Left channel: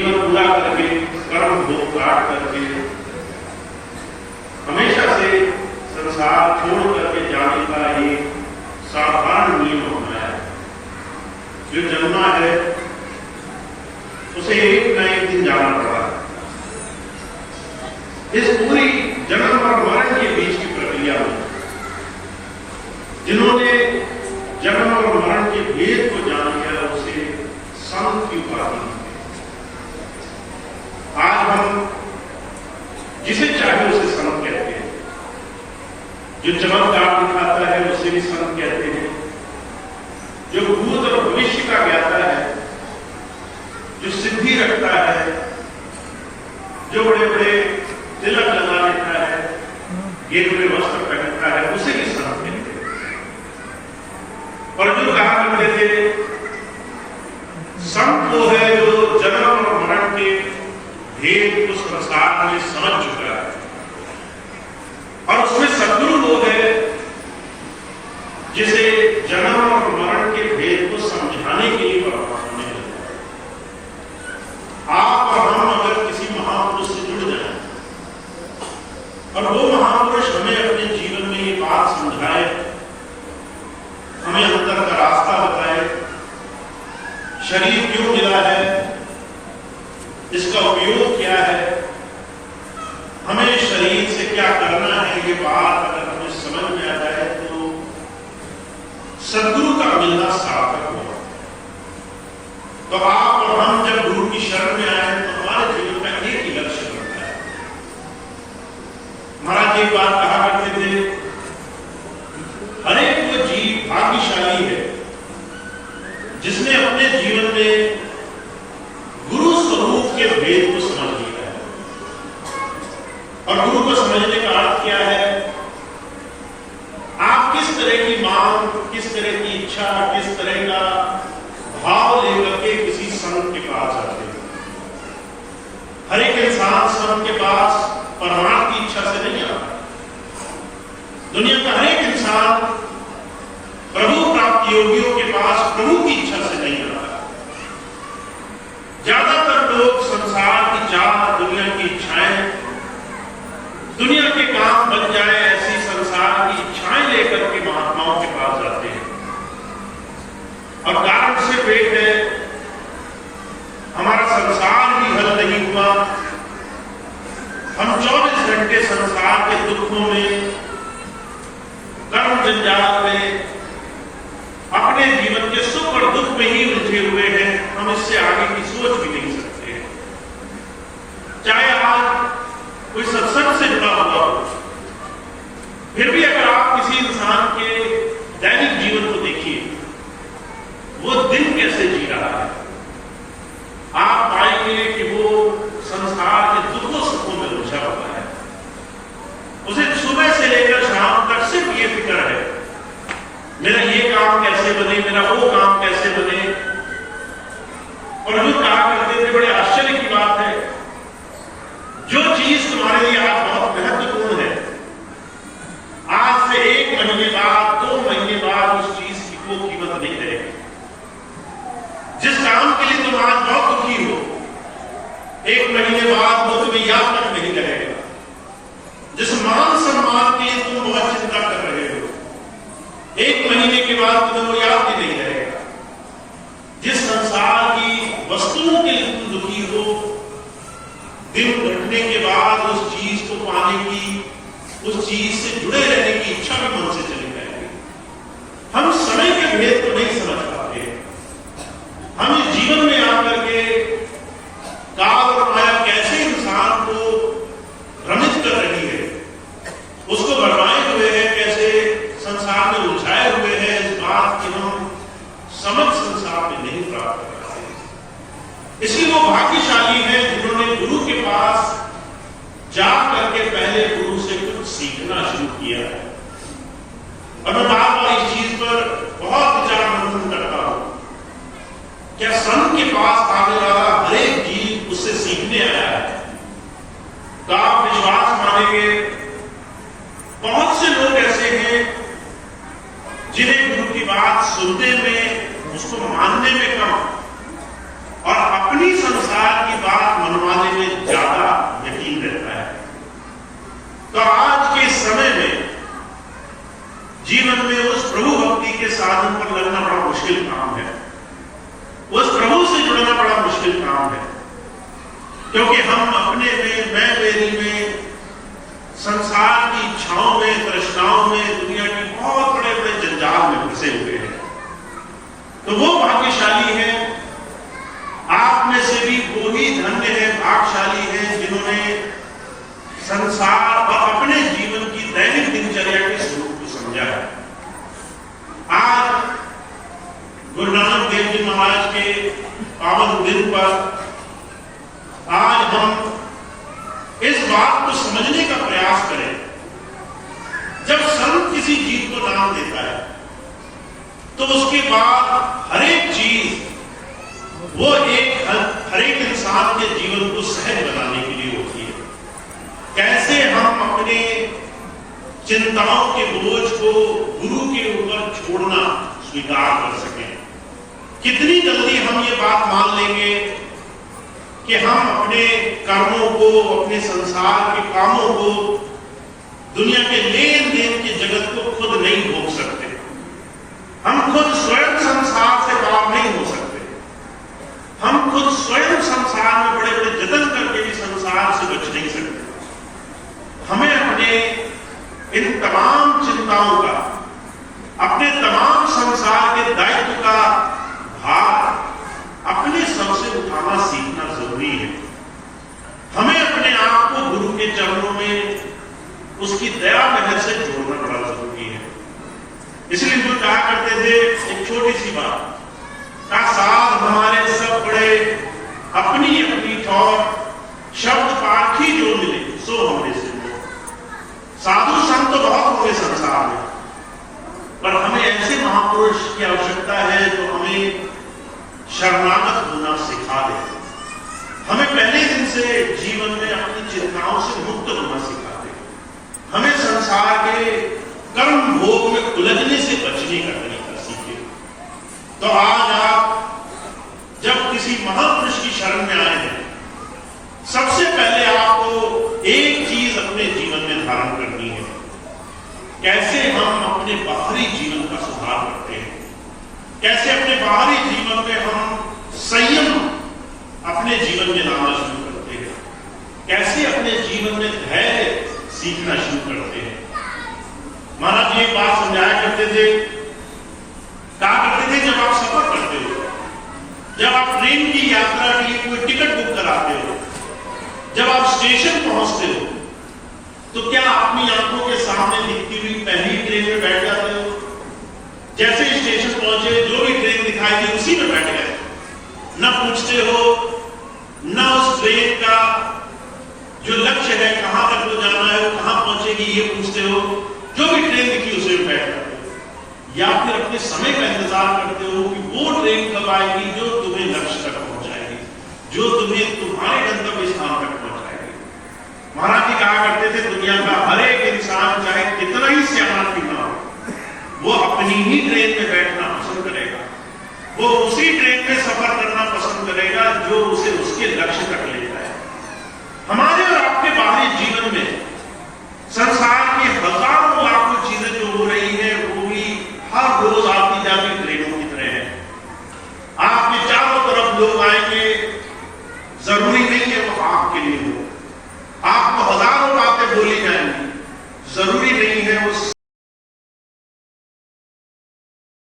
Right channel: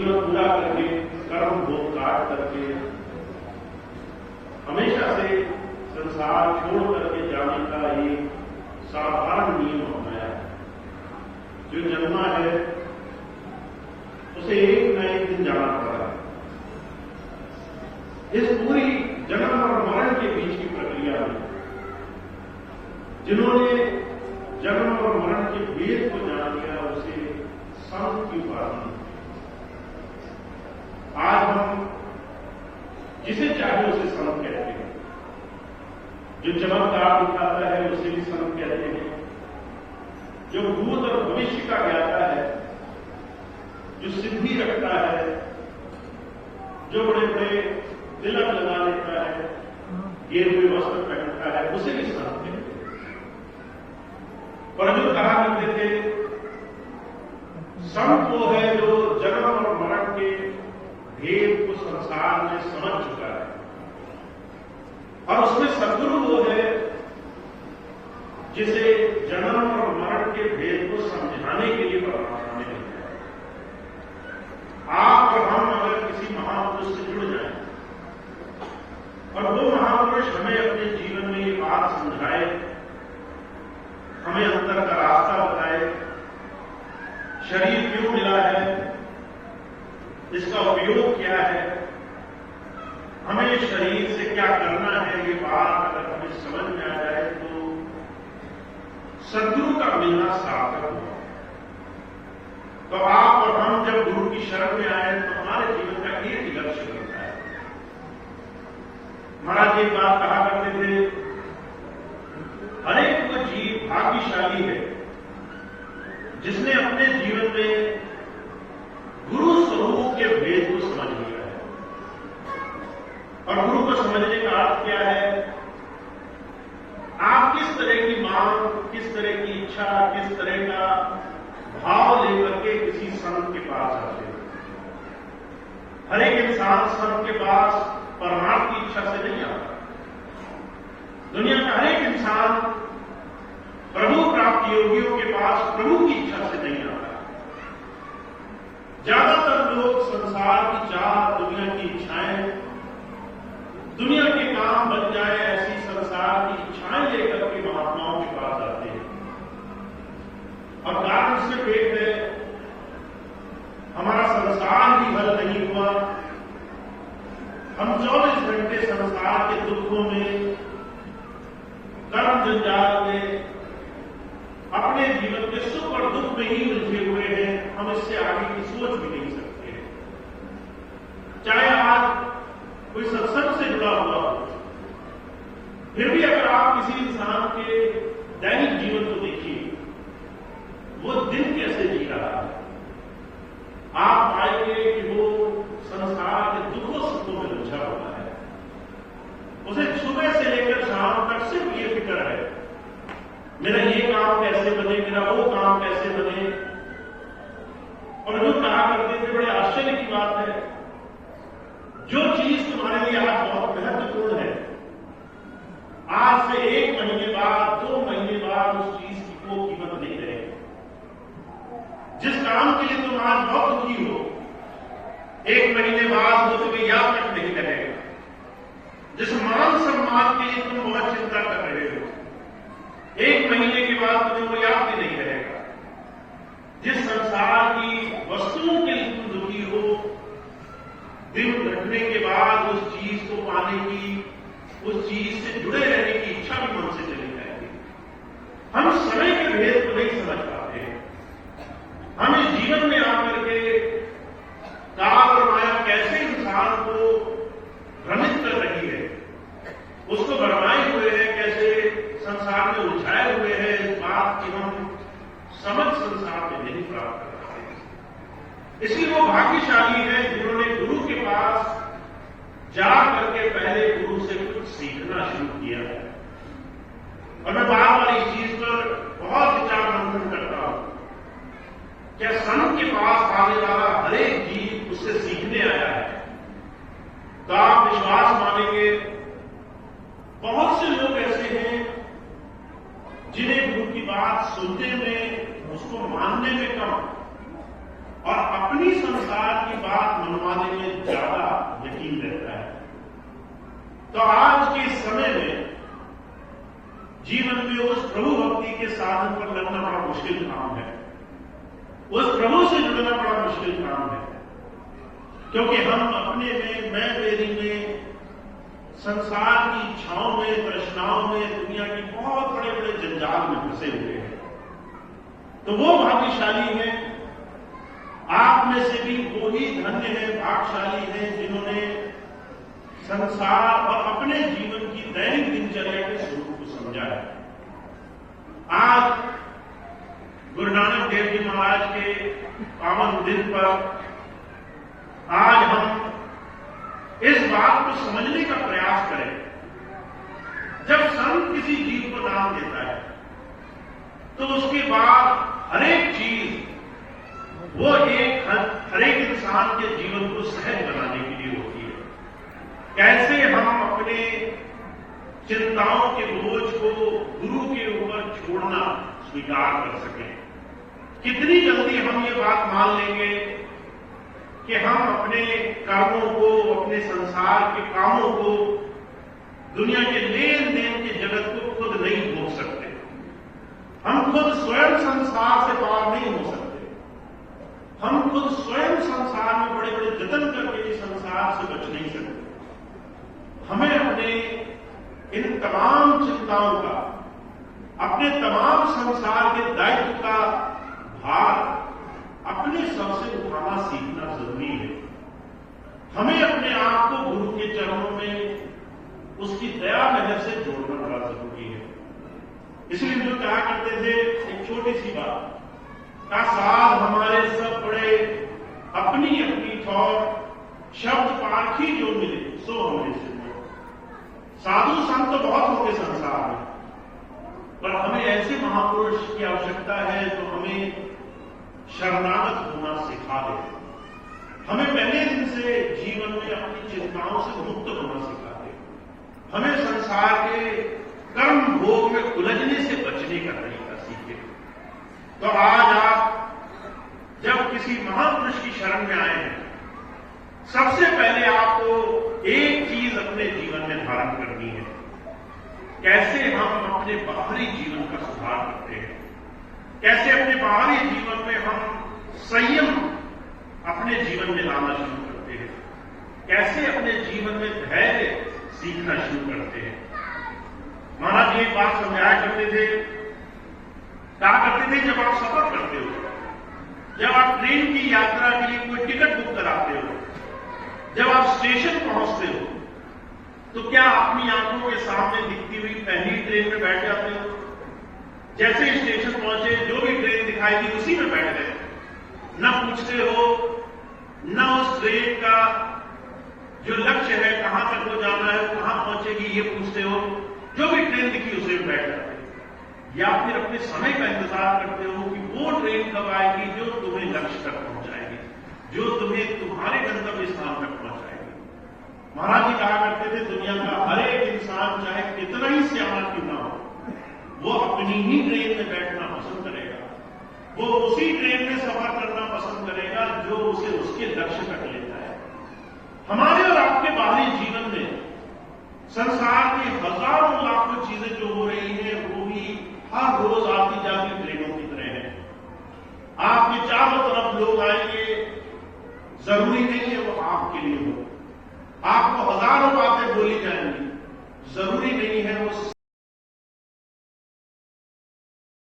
जीवन पूरा करके, कर्म भोग काट करके हमेशा से संसार छोड़ करके जाने का ये साधारण नियम अपनाया है। जो जन्मा है उसे एक न एक दिन जाना पड़ा है। इस पूरी जन्म और मरण के बीच की प्रक्रिया में जिन्होंने जन्म और मरण के भेद को जान लिया उसे संत की उपाधि। आज हम जिसे चाहे उसे संत कहते हैं, जो चमत्कार दिखाता है उसे भी संत कहते हैं, जो भूत और भविष्य का ज्ञाता है, जो सिद्धि रखता है, जो बड़े बड़े तिलक लगा लेता है, गेरुए वस्त्र पहनता है, उसे भी संत कहते हैं। और जो कहा करते थे संत वो है जो जन्म और मरण के भेद को संसार में समझ चुका है, और उसमें सद्गुरु वो है जिसे जन्म और मरण के भेद को समझाने के लिए परमात्मा ने बनाया। आप और हम अगर किसी महापुरुष से जुड़ जाएं और वो महापुरुष हमें अपने जीवन में ये बात समझाए, हमें अंदर का रास्ता बताए, शरीर क्यों मिला है, इसका उपयोग क्या है, हमें शरीर से क्या करना है, ये बात अगर हमें समझ में आ जाए तो सद्गुरु का मिलना सार्थक हुआ। तो आप और हम जब गुरु की शरण में आए तो हमारे जीवन का एक ही लक्ष्य बनता है। महाराज एक बात कहा करते थे, हर एक वो जीव भाग्यशाली है जिसने अपने जीवन में गुरु स्वरूप के भेद को समझ लिया है। और गुरु को समझने का अर्थ क्या है? आप किस तरह की मांग, किस तरह की इच्छा, किस तरह का भाव लेकर के किसी संत के पास आते हैं। हर एक इंसान संत के पास परमार्थ की इच्छा से नहीं आता। दुनिया का हर एक इंसान प्रभु प्राप्त योगियों के पास प्रभु की इच्छा से नहीं आता। ज्यादातर लोग संसार की चाह, दुनिया की इच्छाएं, दुनिया के काम बन जाए ऐसी संसार की इच्छाएं लेकर के महात्माओं के पास जाते हैं। और कारण सिर्फ एक है, हमारा संसार ही हल नहीं हुआ। हम 24 घंटे संसार के दुखों में, कर्म जंजाल में, अपने जीवन के सुख और दुख में ही उलझे हुए हैं। हम इससे आगे की सोच भी नहीं सकते। चाहे आज कोई सत्संग से जुड़ा हुआ हो, फिर भी अगर आप किसी इंसान के दैनिक जीवन को देखिए, वो दिन कैसे जी रहा है, आप पाएंगे कि वो संसार के दुखों सुखों में उलझा हुआ है। उसे सुबह से लेकर शाम तक सिर्फ ये फिक्र है, मेरा ये काम कैसे बने, मेरा वो काम कैसे बने। और जो कहा करते थे, बड़े आश्चर्य की बात है, जो चीज तुम्हारे लिए आज बहुत महत्वपूर्ण है, आज से 1 महीने बाद, 2 महीने बाद उस चीज की कोई कीमत नहीं रहेगी। जिस काम के लिए तुम आज बहुत दुखी हो, 1 महीने बाद वो तुम्हें याद तक नहीं लगेगा। जिस मान सम्मान के लिए तुम बहुत चिंता कर रहे हो, 1 महीने के बाद तुम्हें वो याद भी नहीं रहेगा। जिस संसार की वस्तुओं के लिए तुम दुखी हो, दिन घटने के बाद उस चीज को पाने की, उस चीज से जुड़े रहने की इच्छा भी मन से चली जाएगी। हम समय के भेद को नहीं समझ पाते। हमें जीवन में आकर के काल और माया कैसे इंसान को भ्रमित कर रही है, उसको भरमाए हुए है, कैसे संसार में उलझाए हुए हैं, इस बात की हम समझ संसार में नहीं प्राप्त कर पाते। इसलिए वो भाग्यशाली है जिन्होंने गुरु के पास जा करके पहले गुरु से कुछ सीखना शुरू किया है। और मैं बार बार इस चीज पर बहुत विचार मंथन करता हूं। क्या संत के पास आने वाला हर एक जीव उससे सीखने आया है? तो आप विश्वास मानेंगे, बहुत से लोग ऐसे हैं जिन्हें गुरु की बात सुनने में, उसको मानने में कम और अपनी संसार की बात परिणाम है, क्योंकि हम अपने में, मैं मेरी में, संसार की इच्छाओं में, तृष्णाओं में, दुनिया की बहुत बड़े बड़े जंजाल में फंसे हुए हैं। तो वो भाग्यशाली है, आप में से भी वो ही धन्य है, भाग्यशाली है, जिन्होंने संसार और अपने जीवन की दैनिक दिनचर्या के स्वरूप को समझा है। आज गुरु नानक देव जी महाराज के पावन दिन पर आज हम इस बात को समझने का प्रयास करें, जब संत किसी जीव को नाम देता है तो उसके बाद हर एक चीज वो हर एक इंसान के जीवन को सहज बनाने के लिए होती है। कैसे हम अपने चिंताओं के बोझ को गुरु के ऊपर छोड़ना स्वीकार कर सकें। कितनी जल्दी हम ये बात मान लेंगे कि हम अपने कर्मों को, अपने संसार के कामों को, दुनिया के लेन देन के जगत को खुद नहीं भोग सकते। हम खुद स्वयं संसार से बाहर नहीं हो सकते। हम खुद स्वयं संसार में बड़े बड़े जतन करके भी संसार से बच नहीं सकते। हमें अपने इन तमाम चिंताओं का, अपने तमाम संसार के दायित्व का भार अपने सबसे उठाना सीखना जरूरी है। हमें अपने आप को गुरु के चरणों में उसकी दया मेहर से जोड़ना बड़ा जरूरी है। इसलिए जो कहा करते थे, एक छोटी सी बात का साध हमारे सब बड़े, अपनी अपनी ठौर, शब्द पारखी जो मिले सो हमने से। साधु संत तो बहुत होंगे संसार में, पर हमें ऐसे महापुरुष की आवश्यकता है जो हमें शरणागत होना सिखा दे, हमें पहले दिन से जीवन में अपनी चिंताओं से मुक्त होना सिखा दे, हमें संसार के कर्म भोग में उलझने से बचने का तरीका सीखे। तो आज आप जब किसी महापुरुष की शरण में आए हैं, सबसे पहले आपको एक चीज अपने जीवन में धारण करनी है। कैसे हम अपने बाहरी जीवन का सुधार करते हैं, कैसे अपने बाहरी जीवन में हम संयम अपने जीवन में लाना शुरू करते हैं, कैसे अपने जीवन में धैर्य सीखना शुरू करते हैं। महाराज जी एक बात समझाया करते थे, कहा करते थे, जब आप सफर करते हो, जब आप ट्रेन की यात्रा के लिए कोई टिकट बुक कराते हो, जब आप स्टेशन पहुंचते हो, तो क्या अपनी आंखों के सामने दिखती हुई पहली ट्रेन में बैठ जाते हो? जैसे ही स्टेशन पहुंचे, जो भी ट्रेन दिखाई दी उसी में बैठ गए, न पूछते हो, न उस ट्रेन का जो लक्ष्य है, कहां तक वो जाना है, वो कहां पहुंचेगी, ये पूछते हो। जो भी ट्रेन दिखी उसे में बैठ जाते हो, या फिर अपने समय का इंतजार करते हो कि वो ट्रेन कब आएगी जो तुम्हें लक्ष्य तक पहुंचाएगी, जो तुम्हें तुम्हारे गंतव्य स्थान तक पहुंचाएगी। महाराज जी कहा करते थे, दुनिया का हर एक इंसान चाहे कितना ही सियाना क्यों ना हो, वो अपनी ही ट्रेन में बैठना पसंद करेगा, वो उसी ट्रेन में सफर करना पसंद करेगा जो उसे उसके लक्ष्य तक ले जाए। हमारे और आपके बाहरी जीवन में संसार की हजारों लाखों चीजें जो हो रही है, वो भी हर रोज आती जाती ट्रेनों की तरह है। आपके चारों तरफ लोग आएंगे, जरूरी नहीं है वो आपके लिए हो। आपको हजारों बातें बोली जाएंगी, जरूरी नहीं